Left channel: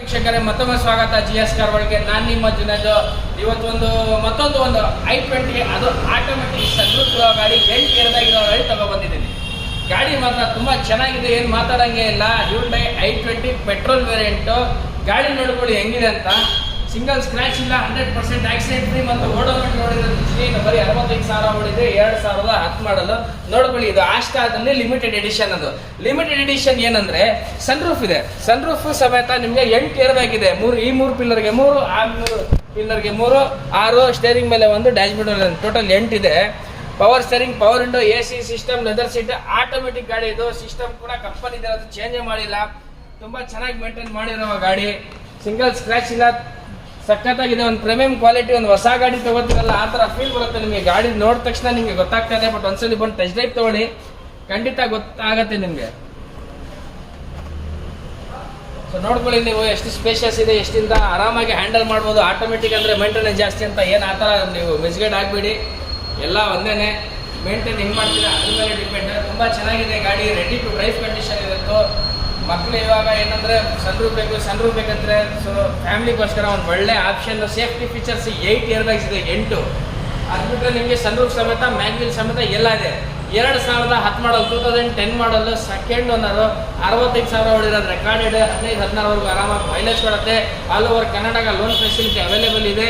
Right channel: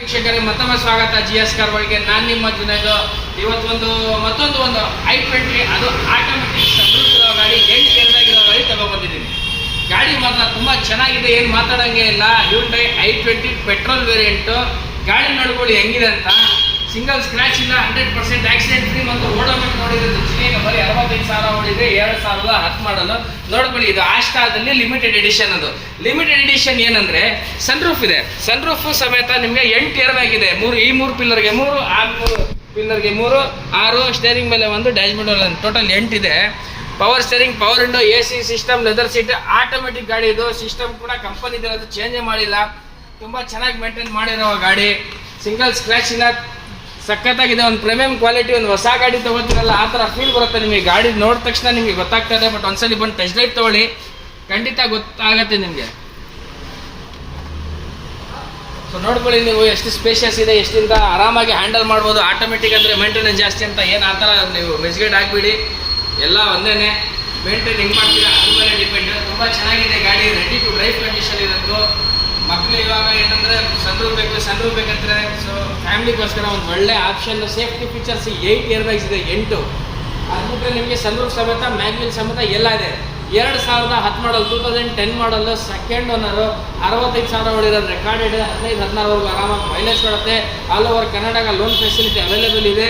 ವೀಕ್ಷಕರೇ ಮತ್ತೊಮ್ಮೆ ಸ್ವಾಗತ GS ಕಾರ್ ಒಳಗೆ. ನಾನು ನಿಮ್ಮ ಜುನೈದು. ಇವತ್ತೊಂದು ಮತ್ತೊಂದು i20 ಅದು ಆಟೋಮೆಟಿಕ್ ಸನ್ರೂಫ್ ಇರೋ ಗಾಡಿ 8 ಗೇರ್ದಾಗಿರೋ ಗಾಡಿ ತಗೊಬಂದಿದ್ದೀನಿ. ಗಾಡಿ ಮಾತ್ರ ತುಂಬ ಚೆನ್ನಾಗಿದೆ, ಏನು ಮಾತಾಡೋಂಗೆ ಇಲ್ಲ. Hyundai i20 petrol variant. ಗಾಡಿ ನೋಡ್ಕೊಳ್ಳಿ ಹೆಂಗಿದೆ ಅಂತ. ಸಿಂಗಲ್ ಸ್ಕ್ರ್ಯಾಚ್ ಇಲ್ಲ, 100% ಆಕ್ಸಿಡೆಂಟ್ ಫ್ರೀ. ಮತ್ತು ಓಡೋಮೆಂಟ್ ನೋಡಿರೋದು ಬರೀ 65,000 ಓಡಿದೆ, 2010 ಮಾಡಲು. ನೋಡ್ಕೊಳ್ಳಿ, ಇದು ಆಸ್ಟಾದಲ್ಲಿ ಲಿಮಿಟೆಡ್ ಎಡಿಷನ್. ಅದು ಲಿಮಿಟೆಡ್ ಎಡಿಷನ್ ಏನಂದ್ರೆ ಸನ್ರೂಫ್ ಇದೆ. ಸನ್ರೂಫ್ ಸಮೇತ ನಿಮಗೆ 8 ಏರ್ಬ್ಯಾಗಿದೆ. ಈ ಮೂರು ಪಿಲ್ಲರ್ಗೆ 3, ಆ 3 ಪಿಲ್ಲರ್ಗೆ 3, 6, ಸ್ಟೇರಿಂಗ್ ಮೇಲೆ 1, ಡ್ಯಾಶ್ ಬೋರ್ಡ್ ಟೋಟಲ್ 8 ಇದೆ. Power steering, power window, AC system, leather seat, automatic ಗಾಡಿ. ಇದು ಸಿಸ್ಟಮ್ ಕೂಡ ಕಂಪನಿದೆ, ಅದು ಚೇಂಜೇ ಮಾಡಿಲ್ಲ. ತುಂಬ ಚೆನ್ನಾಗಿ ಮೇಂಟೈನ್ ಮಾಡಿರೋ ಗಾಡಿ. ಸಿಂಗಲ್ ಸ್ಕ್ರ್ಯಾಚ್ ಇಲ್ಲ, ಸಖತ್ತಾಗಿದೆ. ಒಂದು ಪ್ರೀಮಿಯಂ ಕ್ವಾಲಿಟಿ. ಒಂದು ಹೊಸ ಗಾಡಿ ತೊಗೋತೀರಲ್ಲ ಆ ಥರ ಫೀಲ್ ಬರುತ್ತೆ ನಿಮಗೆ. ಗಾಡಿ ನೋಡಿದ ತಕ್ಷಣ ನಿಮಗೆ ಗೊತ್ತಾಗ್ತದೆ. ಬಟ್ ಒಂದ್ಸಲಿ ಬಂದು ಟೆಸ್ಟ್ ಡ್ರೈವ್ ತೊಗೊಳ್ಳಿ, ಖಂಡಿತ ಗೊತ್ತಾಗತ್ತೆ ನಿಮಗೆ. ಸೊ ನೋಡ್ಕೊಳ್ಳಿ ನೀವು ಎಷ್ಟು ಸ್ಪೇಷಿಯಸ್ ಇದೆ, ಎಷ್ಟಿಂದ ಆರಾಮಾಗಿ ಹ್ಯಾಂಡಲ್ ಮಾಡ್ಬೋದು. ಆಟೋಮೆಟಿಕ್ ಅಂದರೆ ಮೇಂಟೆನೆನ್ಸ್ ಜಾಸ್ತಿ ಅಂತ ಏನು ಆ ಥರ ನೀವು ಮೆಸ್ಗೇಡ್ ಆಗಿಬಿಡಿ. ಎಲ್ಲ ಒಂದೇ ಮೇಂಟೈನ್ ಹೆಂಗೆ ಮಾಡ್ತೀರಾ ಅದ್ರ ಮೇಲೆ ಡಿಪೆಂಡ್. ತುಂಬ ಚೆನ್ನಾಗಿದೆ ಗಾಡಿ, ರೆಡಿ ಟು ಡ್ರೈವ್ ಕಂಡೀಷನ್ ಇರುತ್ತೆ. ಮಕ್ಕಳು ಇವಾಗ ಏನಂದರೆ ಸನ್ರೂಫ್ ಬೇಕಂದ್ರೆ ಸೊ ಫ್ಯಾಮಿಲಿಗೋಸ್ಕರ ಒಂದು ಒಳ್ಳೆ ಆಪ್ಷನ್. ಸೇಫ್ಟಿ ಫೀಚರ್ಸ್ 8 ಏರ್ಬ್ಯಾಗ್ಸ್ ಇದೆ, 8. ಅದು ಬಿಟ್ಟರೆ ನಿಮಗೆ ಸನ್ರೂಫ್ ಸಮೇತ, ಮ್ಯಾಗ್ವಿಲ್ ಸಮೇತ ಎಲ್ಲ ಇದೆ. 2010 ಮಾಡಲ್, 2010 ಮಾಡಲು, ಸೆಕೆಂಡ್ ಓನರು, 65,000 ಹೊಡಿರೋದು ರೆಕಾರ್ಡೆಡ್. 15-16ವರೆಗೂ ಆರಾಮಾಗಿ ಮೈಲೇಜ್ ಕೊಡುತ್ತೆ. All over Karnataka loan facility available ಇದೆ.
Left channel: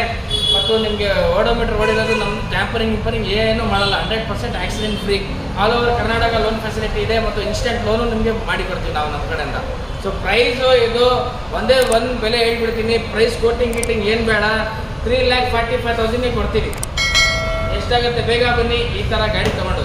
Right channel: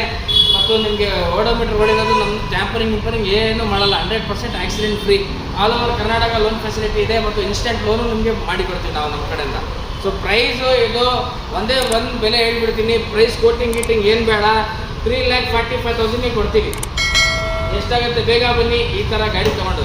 ಮತ್ತು ನಿಮಗೆ ಓಡೋಮೀಟರ್ ಹೊಡಿರೋದು ನಮ್ಮ ಟ್ಯಾಂಪರಿಂಗ್ ಏನೂ ಮಾಡಲ್ಲ. 100% accident free. All over Karnataka loan facility ಇದೆ. ಮತ್ತು ಇನ್ಸ್ಟೆಂಟ್ ಲೋನು ನಿಮಗೆ ಮಾಡಿಕೊಡ್ತೀವಿ ನಾವು ನಮ್ಮ ಕಡೆಯಿಂದ. ಸೊ ಪ್ರೈಸು ಇದು ಒಂದೇ ಒಂದು ಬೆಲೆ ಹೇಳ್ಬಿಡ್ತೀನಿ. ಪ್ರೈಸ್ ಕೋಟಿಂಗ್ ಏನು ಬೇಡ, 3,45,000 ಕೊಡ್ತೀವಿ. ಎಷ್ಟಾಗುತ್ತೆ ಬೇಗ ಬನ್ನಿ, ಈ ಥರ ಗಾಡಿ ತೊಗೊಂಡು.